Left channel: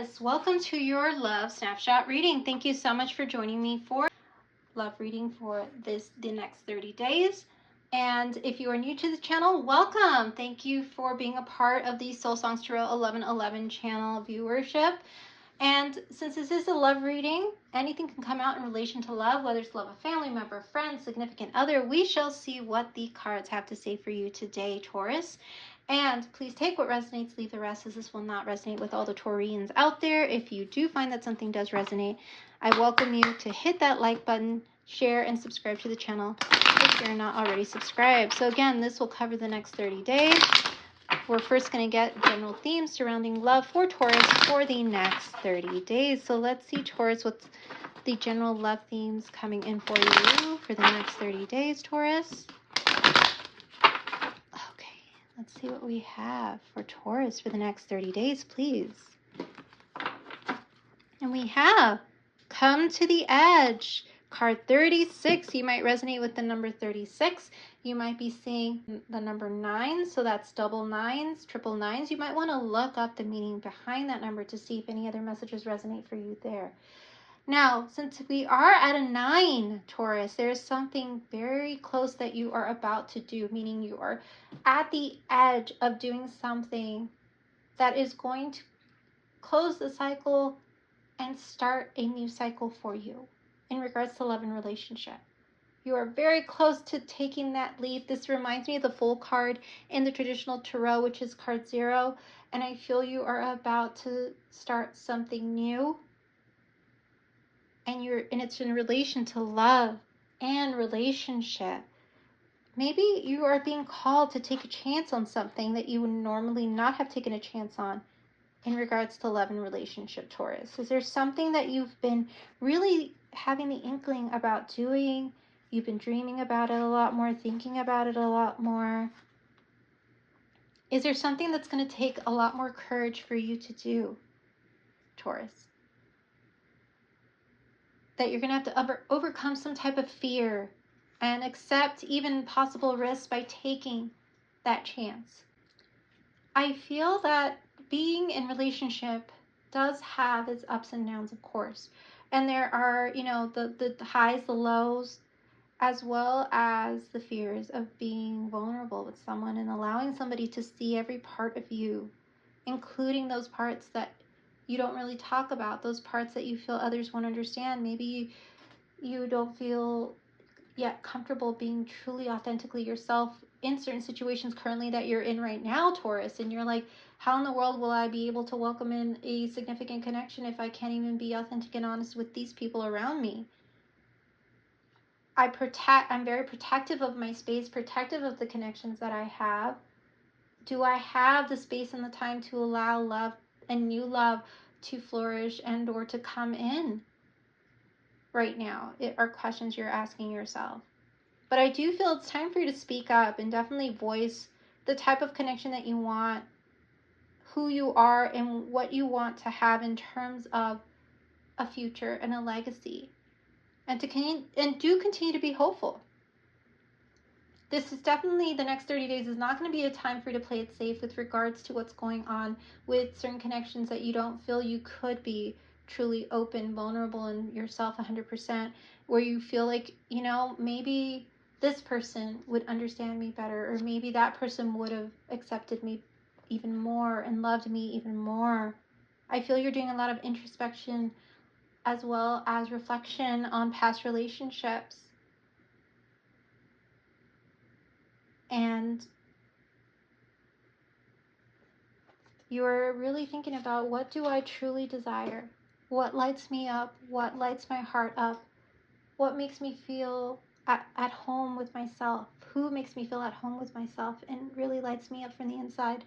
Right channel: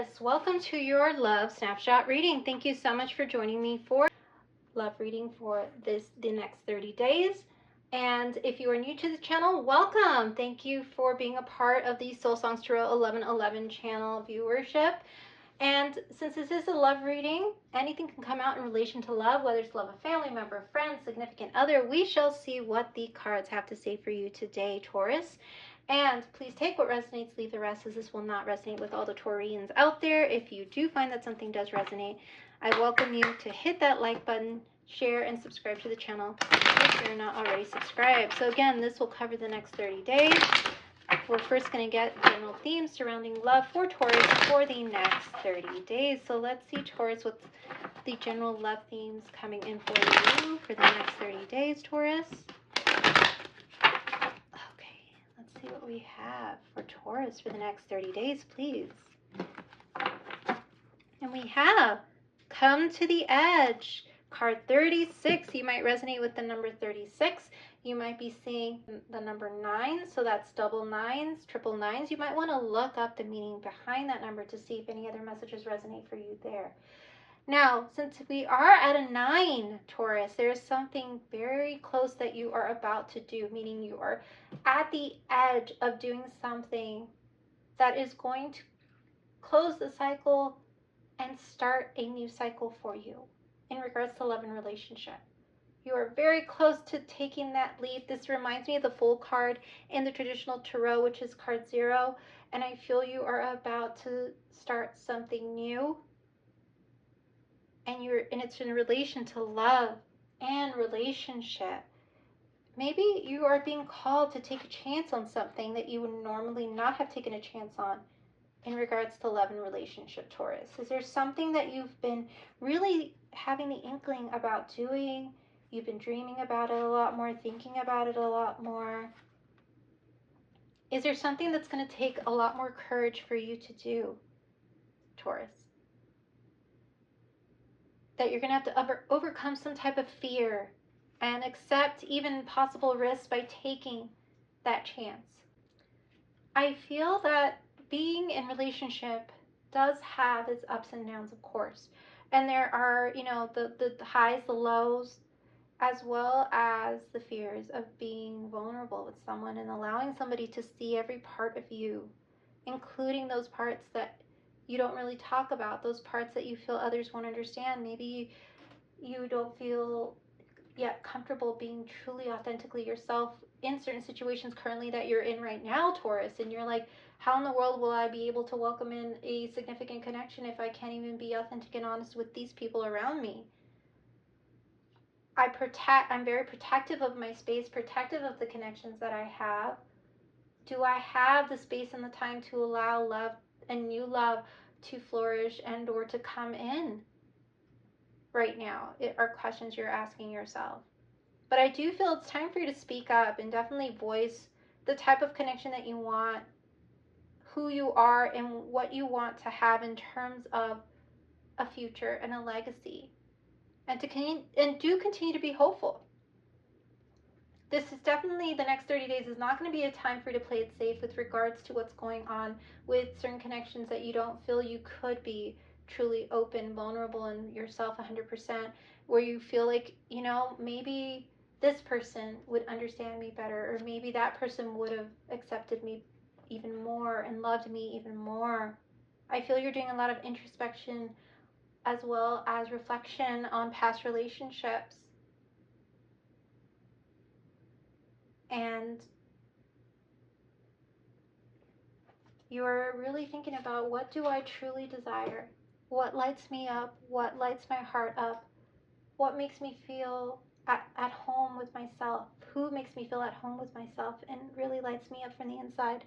Taurus, welcome to your love snapshot reading. Thank you so much for joining me for love reading for the next 30 days. And if you are new to the channel, welcome. Thank you for being a part of the Soul Songs Tarot 1111 channel viewership. And since this is a love reading, anything can come out in relation to love, whether it's love of family member, friend, significant other. We shall see what the cards have to say for you today, Taurus. And please take what resonates, leave the rest, as this will not resonate with all the Taurians out there. If you do find that something does resonate, I welcome you to hit that like button, share, and subscribe to the channel if you're not already subscribed. So again, this will cover the next 30 days. We're first going to get general themes surrounding love for Taurus for the next 30 days. So let's see, Taurus, what's the general love themes coming in for you for the next 30 days, Taurus. Let's see what we have for Taurus for the next 30 days, please. And we have Come to the Edge, card 36. You might resonate with the number 36. You might be seeing the number 9, so that's double nines, triple nines. You might want to look up the meaning behind that number to see if any other messages resonate for you there. Now, since we are at a 9, Taurus, there's something very close that you are about to do, meaning you are at the edge of doing something that is going to close the cycle and start a new cycle for you in regards to love and relationship. You are very close to taking that leap. This reminds me of the Fool card in the traditional tarot, which is card 0, and I feel you are about to start something new. And it's in relation to love and relationship. Maybe you are being called to take a chance on something that you would normally not have taken a chance on in regards to love and relationship, Taurus. Is there something that you've been really having the inkling about doing? You've been dreaming about it a lot more, thinking about it a lot more. Is there something that's going to take a lot more courage for you to do, Taurus? That you're going to have to overcome some type of fear and accept even possible risks by taking that chance. I feel that being in relationship does have its ups and downs, of course. And there are, the highs, the lows, as well as the fears of being vulnerable with someone and allowing somebody to see every part of you, including those parts that you don't really talk about, those parts that you feel others won't understand. Maybe you don't feel yet comfortable being truly authentically yourself in certain situations currently that you're in right now, Taurus, and you're like, how in the world will I be able to welcome in a significant connection if I can't even be authentic and honest with these people around me? I'm very protective of my space, protective of the connections that I have. Do I have the space and the time to allow love and new love to flourish and or to come in right now? It are questions you're asking yourself. But I do feel it's time for you to speak up and definitely voice the type of connection that you want, who you are, and what you want to have in terms of a future and a legacy. And do continue to be hopeful. This is definitely, the next 30 days is not going to be a time for you to play it safe with regards to what's going on with certain connections that you don't feel you could be truly open, vulnerable, and yourself 100%, where you feel like, maybe this person would understand me better, or maybe that person would have accepted me even more and loved me even more. I feel you're doing a lot of introspection as well as reflection on past relationships. And you're really thinking about, what do I truly desire? What lights me up? What lights my heart up? What makes me feel at home with myself? Who makes me feel at home with myself and really lights me up from the inside?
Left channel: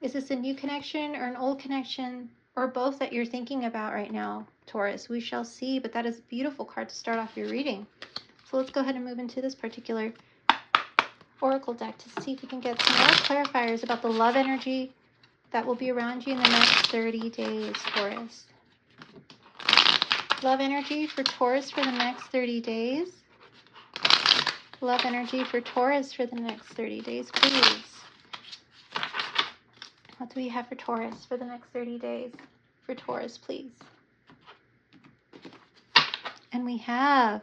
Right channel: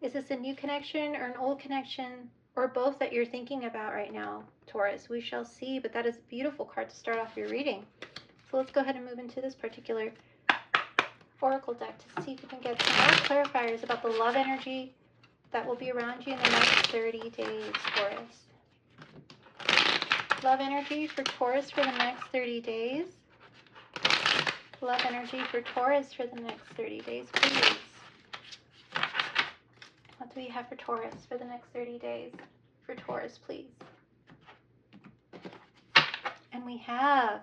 Is this a new connection or an old connection, or both that you're thinking about right now, Taurus? We shall see, but that is a beautiful card to start off your reading. So let's go ahead and move into this particular oracle deck to see if we can get some more clarifiers about the love energy that will be around you in the next 30 days, Taurus. Love energy for Taurus for the next 30 days. Love energy for Taurus for the next 30 days, please. What do we have for Taurus for the next 30 days? For Taurus, please. And we have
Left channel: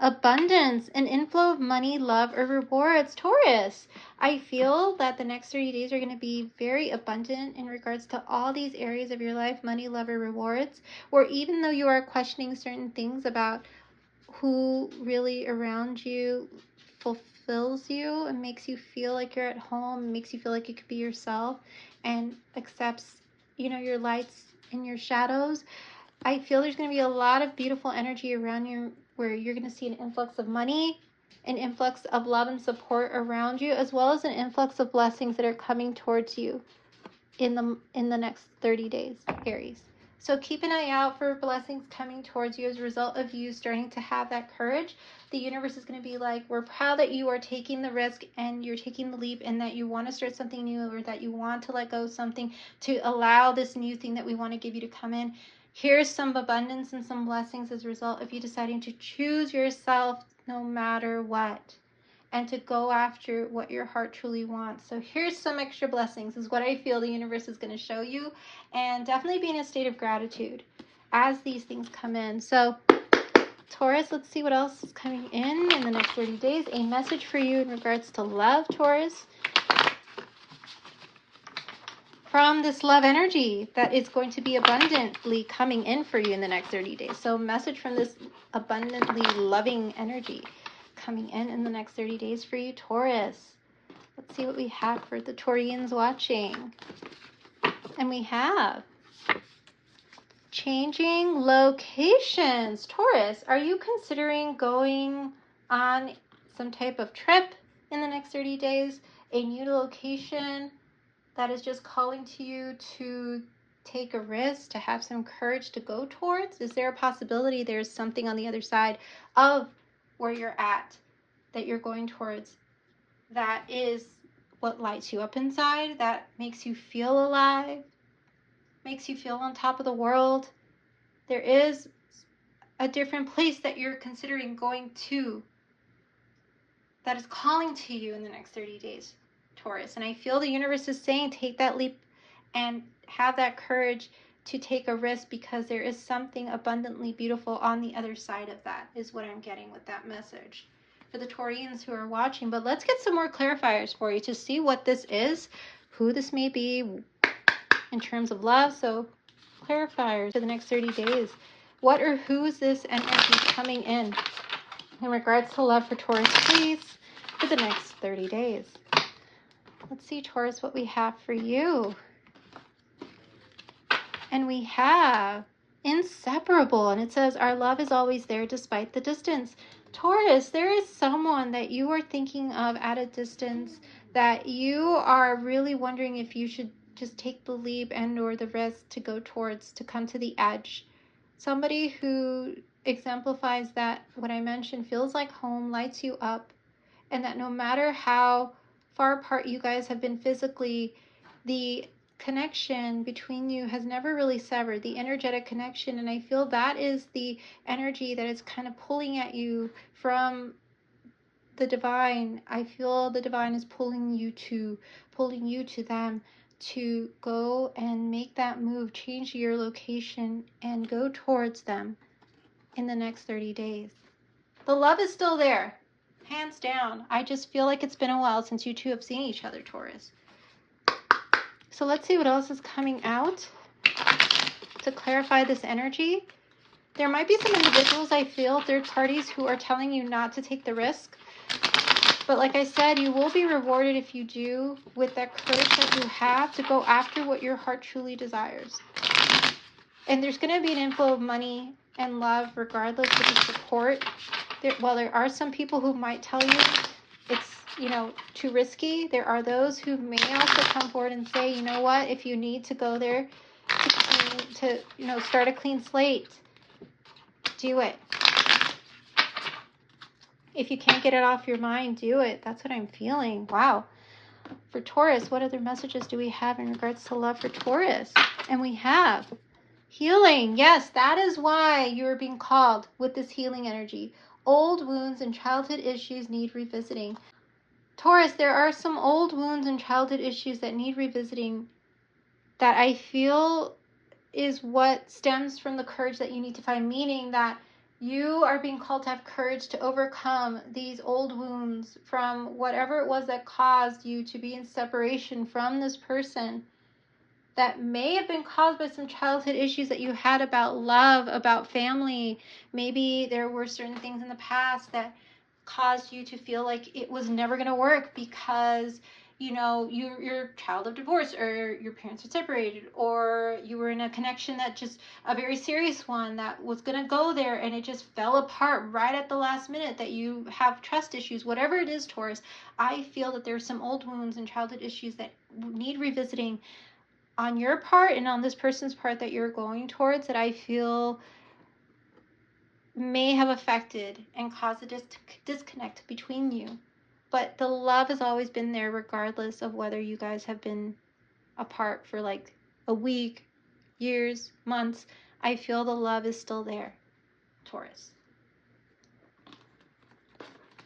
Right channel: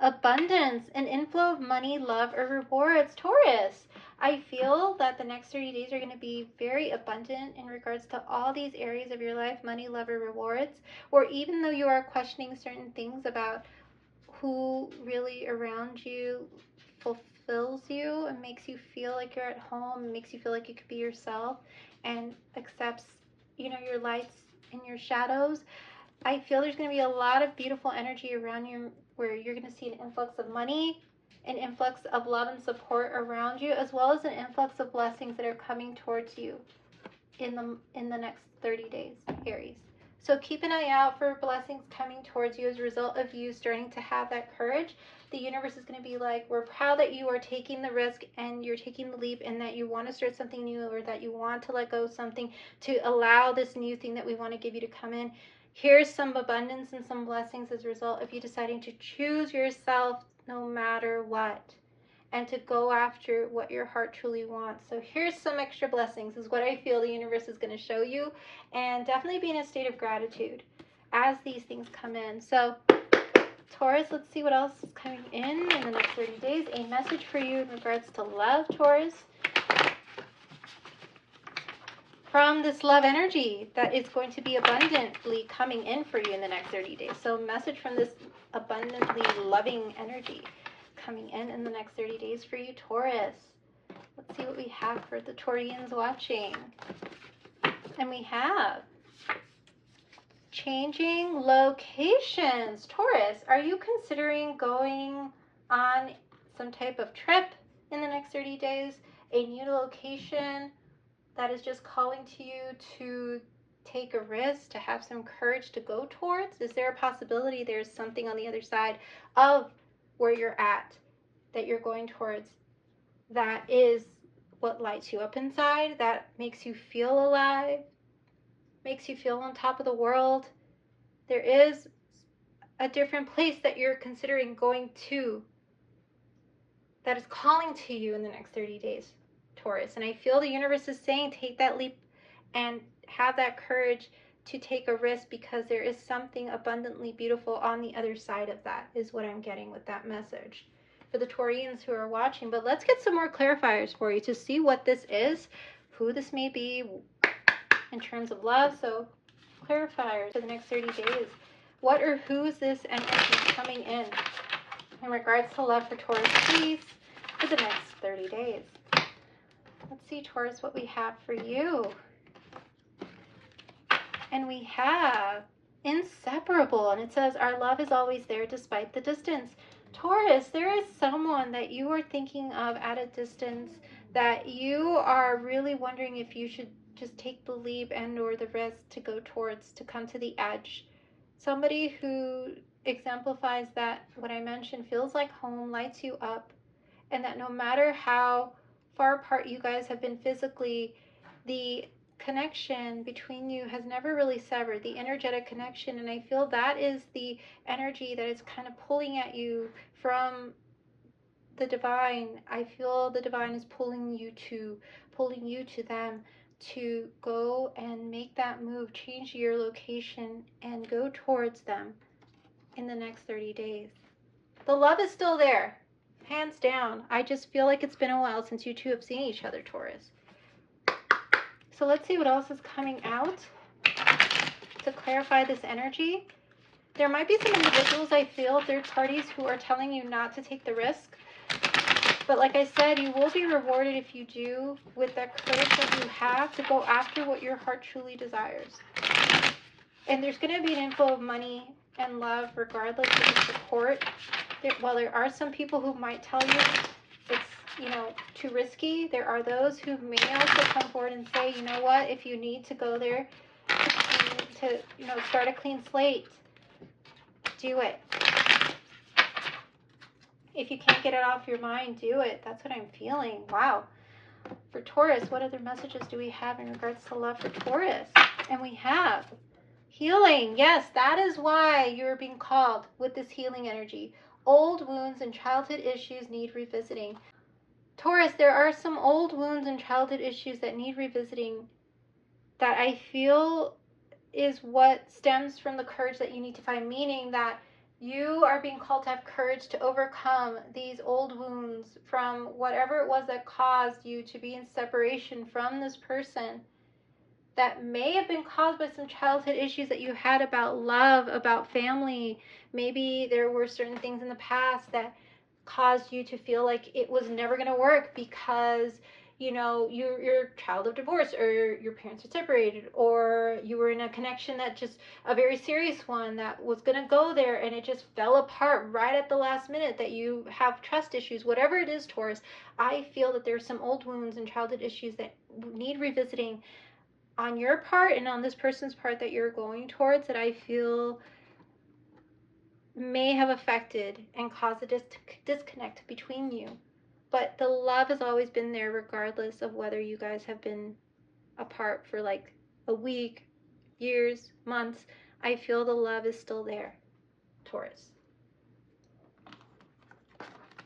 abundance, an inflow of money, love, or rewards. Taurus, I feel that the next 30 days are going to be very abundant in regards to all these areas of your life, money, love, or rewards. Or even though you are questioning certain things about who really around you fulfills you and makes you feel like you're at home, and makes you feel like you could be yourself and accepts, your lights and your shadows. I feel there's going to be a lot of beautiful energy around you where you're going to see an influx of money, an influx of love and support around you, as well as an influx of blessings that are coming towards you in the next 30 days, Aries. So keep an eye out for blessings coming towards you as a result of you starting to have that courage. The universe is going to be like, we're proud that you are taking the risk and you're taking the leap, and that you want to start something new, or that you want to let go of something to allow this new thing that we want to give you to come in. Here's some abundance and some blessings as a result of you deciding to choose yourself no matter what, and to go after what your heart truly wants. So here's some extra blessings, is what I feel the universe is going to show you, and definitely be in a state of gratitude as these things come in. So Taurus, let's see what else is coming in the next 30 days. A message for you in regards to love, Taurus. From this love energy that is going to be abundantly coming in for you in the next 30 days. So message from this abundantly loving energy coming in the next 30 days for you, Taurus. Let's see what we have for the Taurians watching. And we have changing locations. Taurus, are you considering going on some type of trip in the next 30 days? A new location that is just calling to you to take a risk, to have some courage to go towards? Is there a possibility there's something on the other side of where you're at that you're going towards that is what lights you up inside, that makes you feel alive, makes you feel on top of the world? There is a different place that you're considering going to that is calling to you in the next 30 days, Taurus. And I feel the universe is saying take that leap and have that courage to take a risk, because there is something abundantly beautiful on the other side of that, is what I'm getting with that message for the Taurians who are watching. But let's get some more clarifiers for you to see what this is, who this may be in terms of love. So clarifiers for the next 30 days. What or who is this energy coming in regards to love for Taurus, please, for the next 30 days? Let's see, Taurus, what we have for you. And we have inseparable, and it says our love is always there despite the distance. Taurus, there is someone that you are thinking of at a distance that you are really wondering if you should just take the leap and or the risk to go towards, to come to the edge. Somebody who exemplifies that, what I mentioned, feels like home, lights you up, and that no matter how far apart you guys have been physically, the connection between you has never really severed, the energetic connection. And I feel that is the energy that is kind of pulling at you from the divine. I feel the divine is pulling you to them to go and make that move, change your location, and go towards them in the next 30 days. The love is still there, hands down. I just feel like it's been a while since you two have seen each other, Taurus. So let's see what else is coming out to clarify this energy. There might be some individuals, I feel, third parties, who are telling you not to take the risk. But like I said, you will be rewarded if you do, with that courage that you have to go after what your heart truly desires. And there's going to be an inflow of money and love regardless of the support. While there are some people who might tell you it's, too risky, there are those who may also come forward and say, you know what, if you need to go there to start a clean slate, do it. If you can't get it off your mind, do it. That's what I'm feeling. Wow. For Taurus, what other messages do we have in regards to love for Taurus? And we have healing. Yes, that is why you're being called with this healing energy. Old wounds and childhood issues need revisiting. Taurus, there are some old wounds and childhood issues that need revisiting that I feel is what stems from the courage that you need to find, meaning that you are being called to have courage to overcome these old wounds from whatever it was that caused you to be in separation from this person, that may have been caused by some childhood issues that you had about love, about family. Maybe there were certain things in the past that caused you to feel like it was never going to work because, you know, you're a child of divorce, or your parents are separated, or you were in a connection that just a very serious one that was going to go there and it just fell apart right at the last minute, that you have trust issues, whatever it is, Taurus. I feel that there's some old wounds and childhood issues that need revisiting on your part and on this person's part that you're going towards, that I feel may have affected and caused a disconnect between you. But the love has always been there, regardless of whether you guys have been apart for like a week, years, months. I feel the love is still there, Taurus.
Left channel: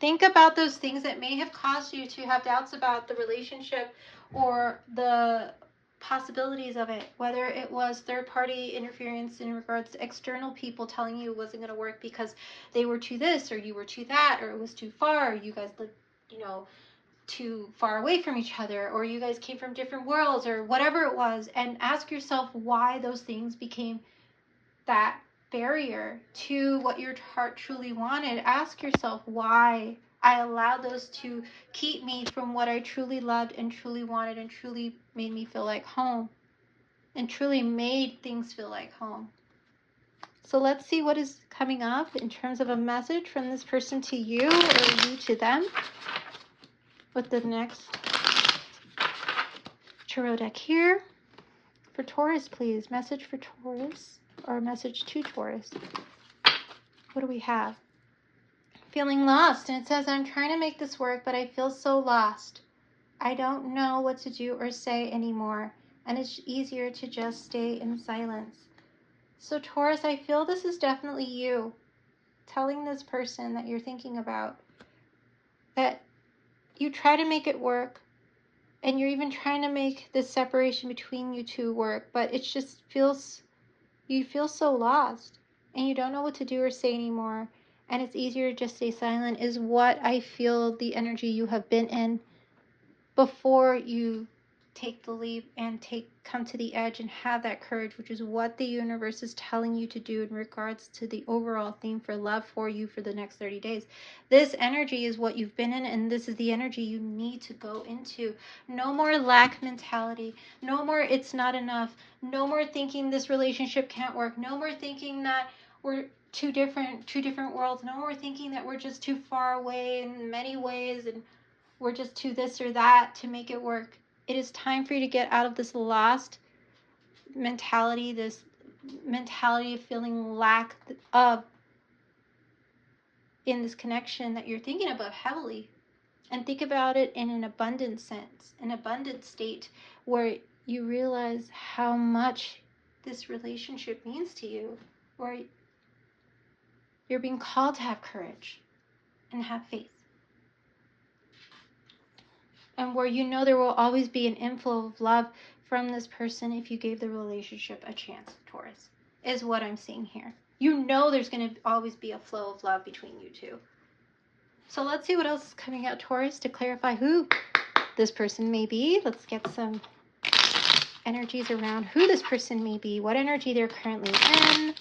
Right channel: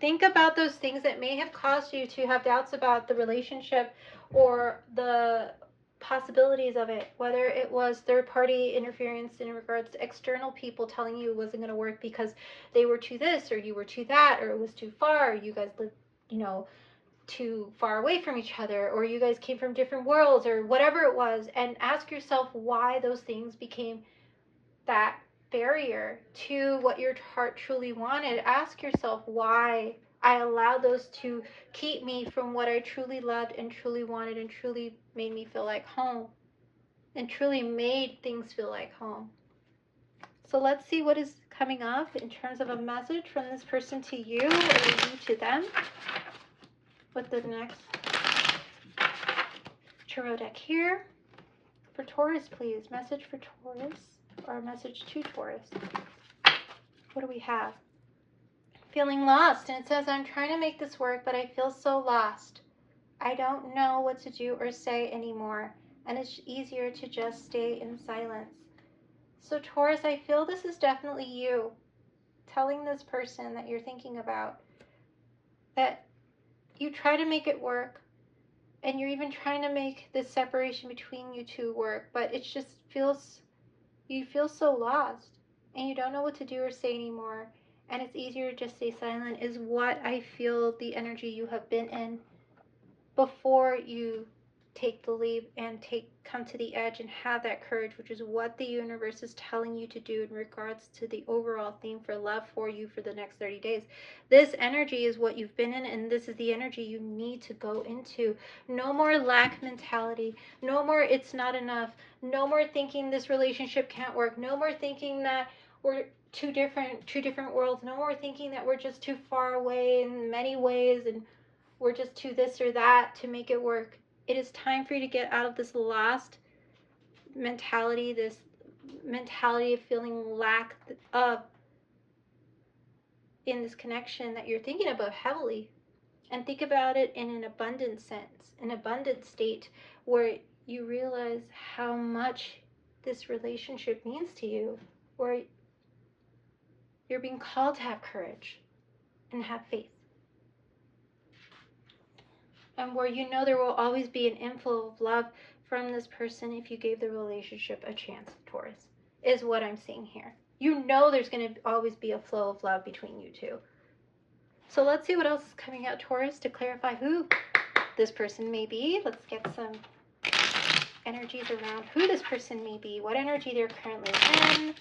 Think about those things that may have caused you to have doubts about the relationship or the possibilities of it, whether it was third-party interference in regards to external people telling you it wasn't going to work because they were too this or you were too that, or it was too far, or you guys lived, you know, too far away from each other, or you guys came from different worlds, or whatever it was, and ask yourself why those things became that barrier to what your heart truly wanted. Ask yourself why I allowed those to keep me from what I truly loved and truly wanted and truly made me feel like home and truly made things feel like home. So let's see what is coming up in terms of a message from this person to you, or you to them, with the next tarot deck here. For Taurus, please. Message for Taurus, or a message to Taurus. What do we have? Feeling lost, and it says, I'm trying to make this work, but I feel so lost. I don't know what to do or say anymore, and it's easier to just stay in silence. So Taurus, I feel this is definitely you telling this person that you're thinking about that you try to make it work, and you're even trying to make this separation between you two work, but it just feels, you feel so lost, and you don't know what to do or say anymore, and it's easier to just stay silent, is what I feel the energy you have been in before you take the leap and come to the edge and have that courage, which is what the universe is telling you to do in regards to the overall theme for love for you for the next 30 days. This energy is what you've been in, and this is the energy you need to go into. No more lack mentality. No more it's not enough. No more thinking this relationship can't work. No more thinking that we're two different worlds. No more thinking that we're just too far away in many ways and we're just too this or that to make it work. It is time for you to get out of this lost mentality, this mentality of feeling lack of in this connection that you're thinking about heavily, and think about it in an abundant sense, an abundant state where you realize how much this relationship means to you, where you're being called to have courage and have faith. And where you know there will always be an inflow of love from this person if you gave the relationship a chance, Taurus, is what I'm seeing here. You know there's going to always be a flow of love between you two. So let's see what else is coming out, Taurus, to clarify who this person may be. Let's get some energies around who this person may be, what energy they're currently in,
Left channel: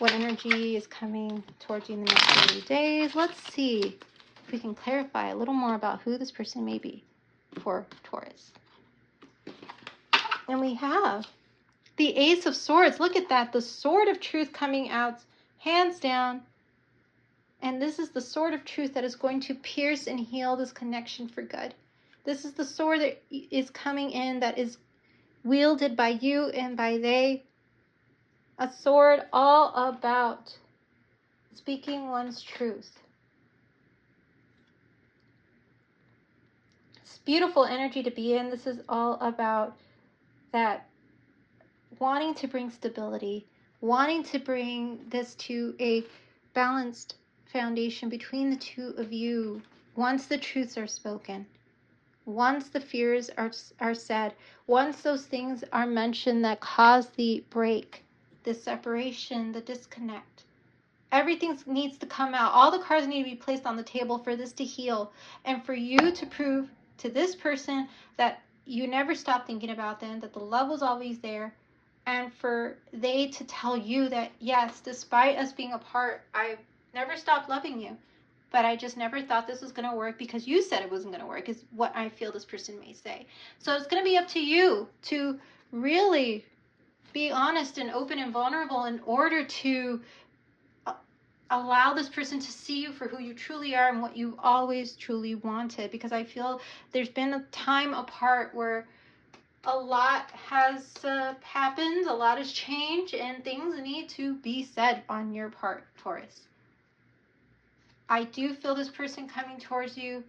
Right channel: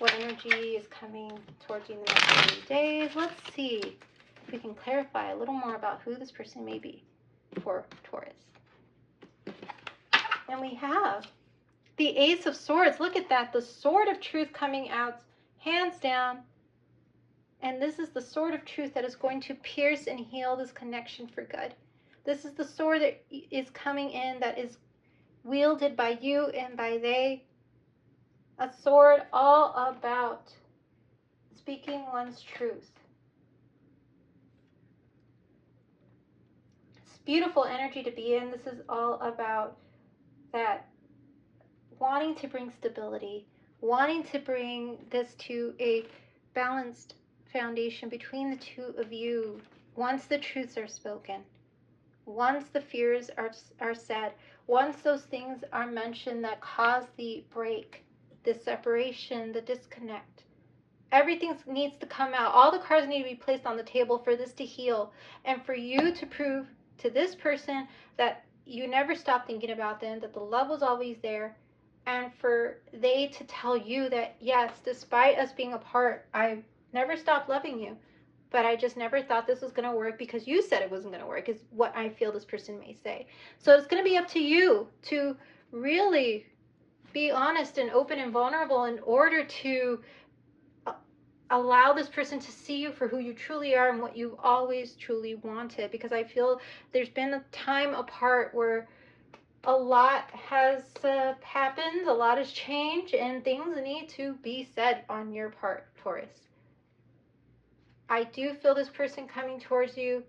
what energy is coming towards you in the next 30 days. Let's see if we can clarify a little more about who this person may be for Taurus. And we have the Ace of Swords. Look at that. The Sword of Truth coming out, hands down. And this is the Sword of Truth that is going to pierce and heal this connection for good. This is the sword that is coming in, that is wielded by you and by they. A sword all about speaking one's truth. It's beautiful energy to be in. This is all about that wanting to bring stability, wanting to bring this to a balanced foundation between the two of you once the truths are spoken, once the fears are said, once those things are mentioned that cause the break, the separation, the disconnect, everything needs to come out. All the cards need to be placed on the table for this to heal, and for you to prove to this person that you never stopped thinking about them, that the love was always there, and for they to tell you that, yes, despite us being apart, I never stopped loving you, but I just never thought this was going to work because you said it wasn't going to work, is what I feel this person may say. So it's going to be up to you to really be honest and open and vulnerable in order to allow this person to see you for who you truly are and what you always truly wanted. Because I feel there's been a time apart where a lot has happened, a lot has changed, and things need to be said on your part, Taurus. I do feel this person coming towards you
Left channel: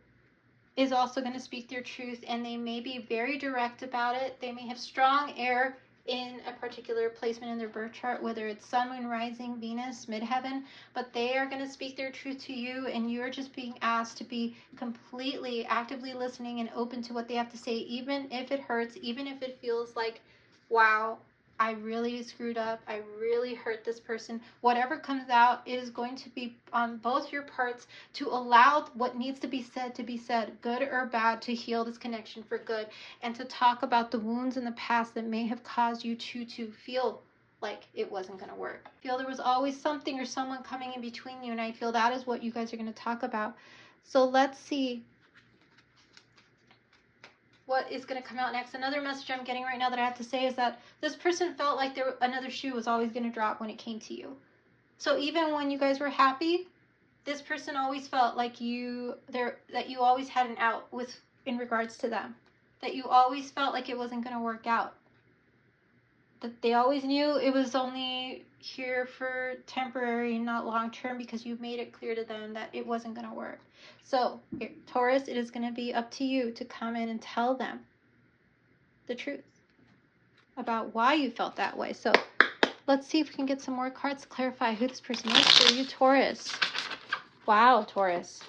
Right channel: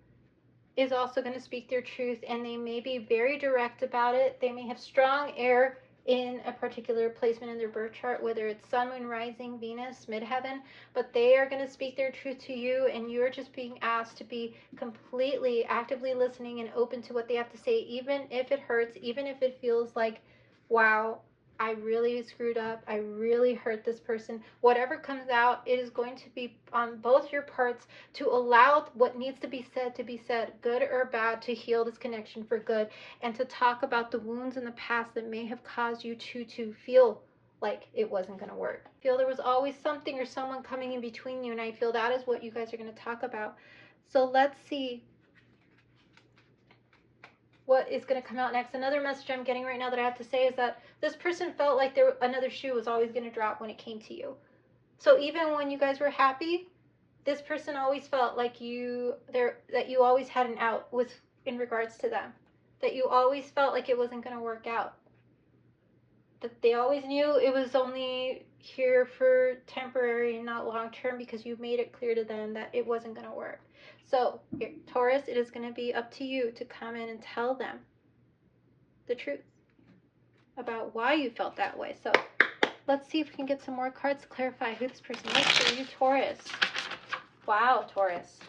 is also going to speak their truth, and they may be very direct about it. They may have strong air in a particular placement in their birth chart, whether it's sun, moon, rising, Venus, midheaven, but they are going to speak their truth to you, and you're just being asked to be completely actively listening and open to what they have to say, even if it hurts, even if it feels like, wow, I really screwed up, I really hurt this person. Whatever comes out, it is going to be on both your parts to allow what needs to be said, good or bad, to heal this connection for good, and to talk about the wounds in the past that may have caused you to feel like it wasn't going to work. I feel there was always something or someone coming in between you, and I feel that is what you guys are going to talk about. So let's see what is going to come out next. Another message I'm getting right now that I have to say is that this person felt like another shoe was always going to drop when it came to you. So even when you guys were happy, this person always felt like that you always had an out in regards to them, that you always felt like it wasn't going to work out, that they always knew it was only here for temporary and not long term, because you made it clear to them that it wasn't going to work. So Taurus, it is going to be up to you to come in and tell them the truth about why you felt that way. So let's see if we can get some more cards to clarify who this person is for you, Taurus. Wow, Taurus.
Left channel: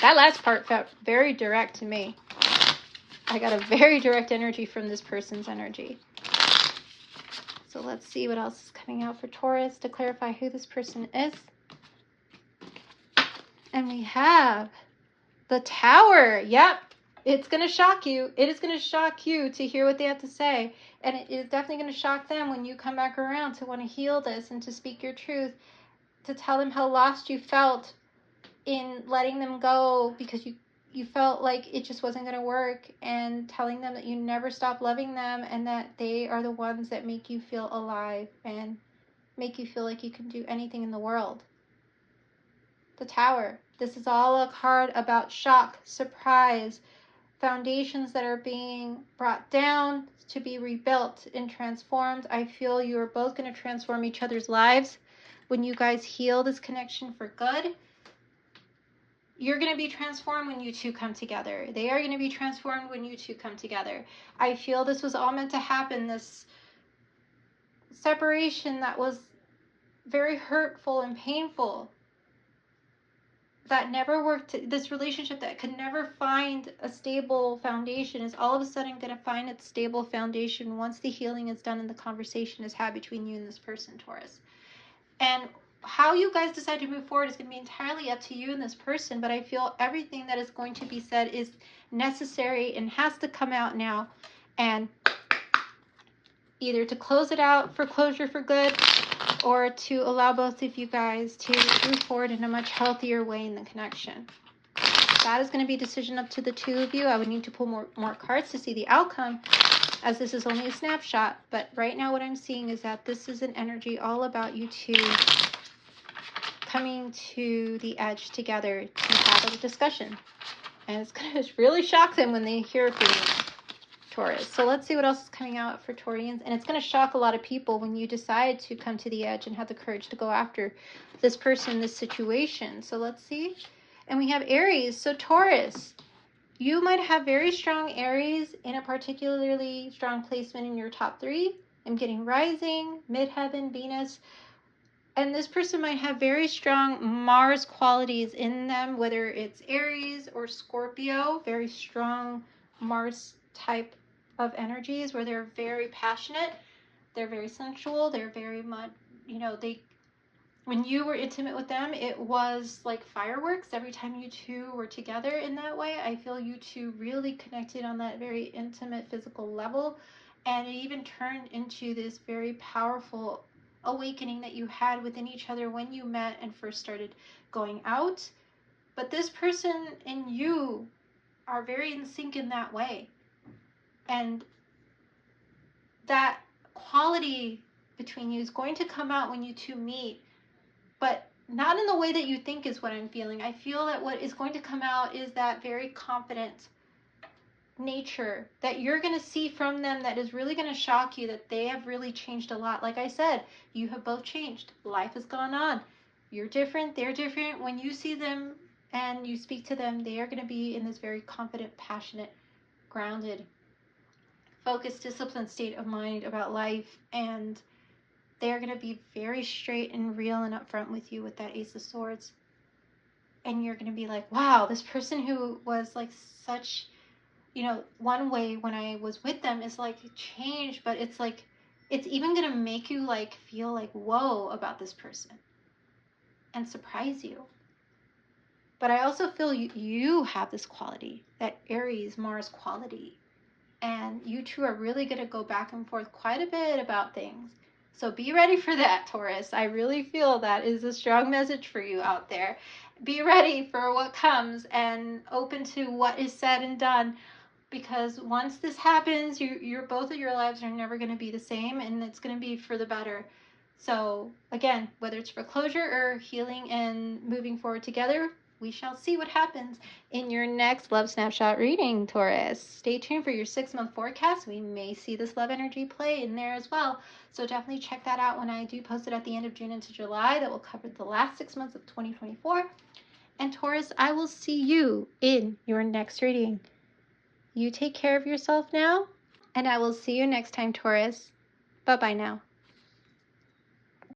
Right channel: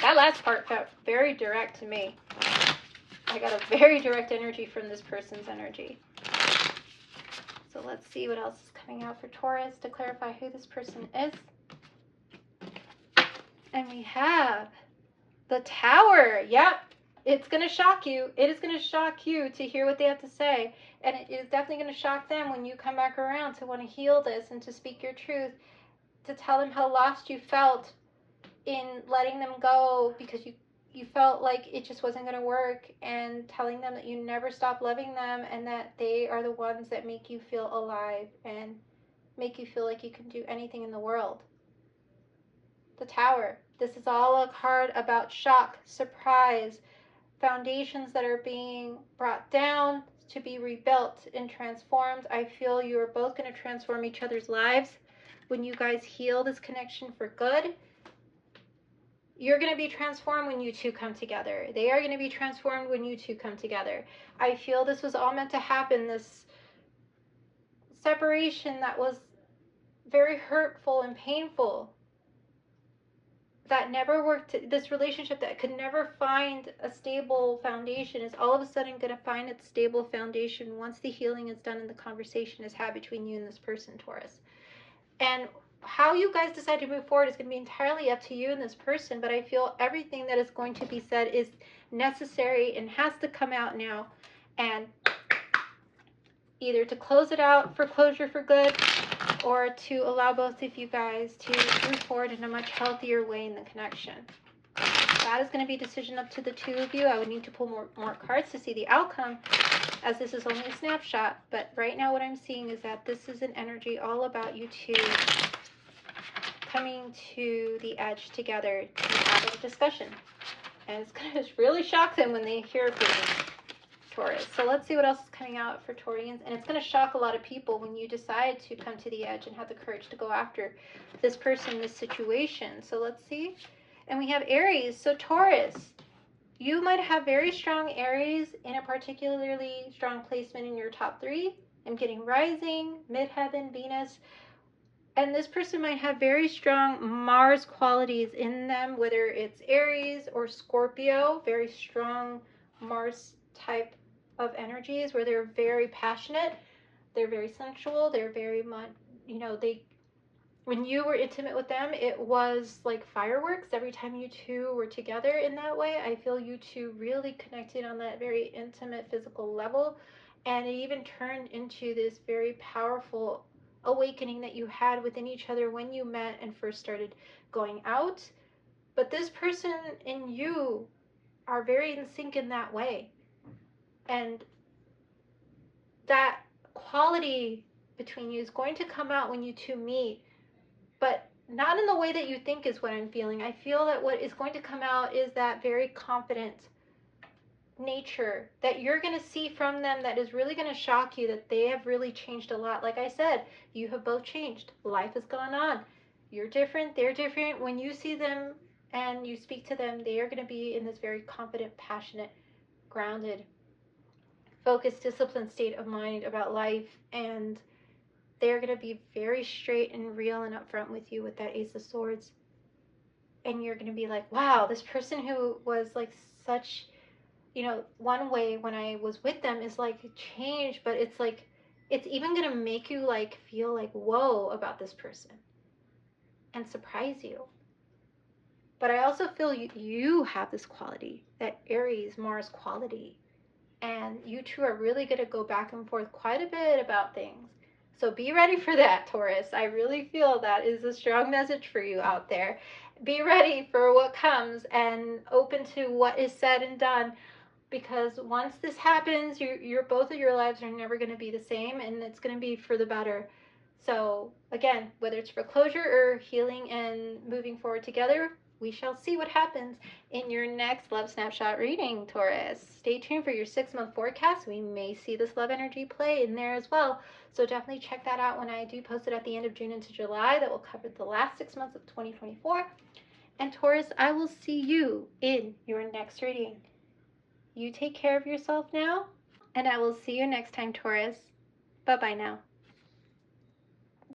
That last part felt very direct to me. I got a very direct energy from this person's energy. So let's see what else is coming out for Taurus to clarify who this person is. And we have the Tower. Yep, it's going to shock you. It is going to shock you to hear what they have to say. And it is definitely going to shock them when you come back around to want to heal this and to speak your truth, to tell them how lost you felt in letting them go because you felt like it just wasn't going to work, and telling them that you never stop loving them and that they are the ones that make you feel alive and make you feel like you can do anything in the world. The Tower. This is all a card about shock, surprise, foundations that are being brought down to be rebuilt and transformed. I feel you are both going to transform each other's lives when you guys heal this connection for good. You're going to be transformed when you two come together. They are going to be transformed when you two come together. I feel this was all meant to happen, this separation that was very hurtful and painful, that never worked, this relationship that could never find a stable foundation is all of a sudden going to find its stable foundation once the healing is done and the conversation is had between you and this person, Taurus. And how you guys decide to move forward is going to be entirely up to you and this person, but I feel everything that is going to be said is necessary and has to come out now, and either to close it out for closure for good, or to allow both of you guys to move forward in a much healthier way in the connection. That is going to be a decision up to the two of you. I would need to pull more cards to see the outcome, as this is only a snapshot, but right now what I'm seeing is that this is an energy all about you two coming to the edge together to have a discussion. And it's going to really shock them when they hear from you, Taurus. So let's see what else is coming out for Taurians. And it's going to shock a lot of people when you decide to come to the edge and have the courage to go after this person, this situation. So let's see. And we have Aries. So Taurus, you might have very strong Aries in a particularly strong placement in your top three. I'm getting rising, midheaven, Venus. And this person might have very strong Mars qualities in them, whether it's Aries or Scorpio, very strong Mars type of energies where they're very passionate, they're very sensual, they're very much, they, when you were intimate with them, it was like fireworks every time you two were together in that way. I feel you two really connected on that very intimate physical level. And it even turned into this very powerful awakening that you had within each other when you met and first started going out. But this person and you are very in sync in that way. And that quality between you is going to come out when you two meet, but not in the way that you think is what I'm feeling. I feel that what is going to come out is that very confident nature that you're going to see from them that is really going to shock you, that they have really changed a lot. Like I said, you have both changed. Life has gone on. You're different. They're different. When you see them and you speak to them, they are going to be in this very confident, passionate, grounded, focused, disciplined state of mind about life. And they're going to be very straight and real and upfront with you with that Ace of Swords. And you're going to be like, wow, this person who was like such, one way when I was with them is like changed, but it's like, it's even going to make you like feel like, whoa, about this person and surprise you. But I also feel you have this quality, that Aries Mars quality. And you two are really going to go back and forth quite a bit about things. So be ready for that, Taurus. I really feel that is a strong message for you out there. Be ready for what comes and open to what is said and done, because once this happens, both of your lives are never going to be the same, and it's going to be for the better. So again, whether it's for closure or healing and moving forward together, we shall see what happens in your next Love Snapshot reading, Taurus. Stay tuned for your 6-month forecast. We may see this love energy play in there as well. So definitely check that out when I do post it at the end of June into July. That will cover the last 6 months of 2024. And Taurus, I will see you in your next reading. You take care of yourself now, and I will see you next time, Taurus. Bye-bye now.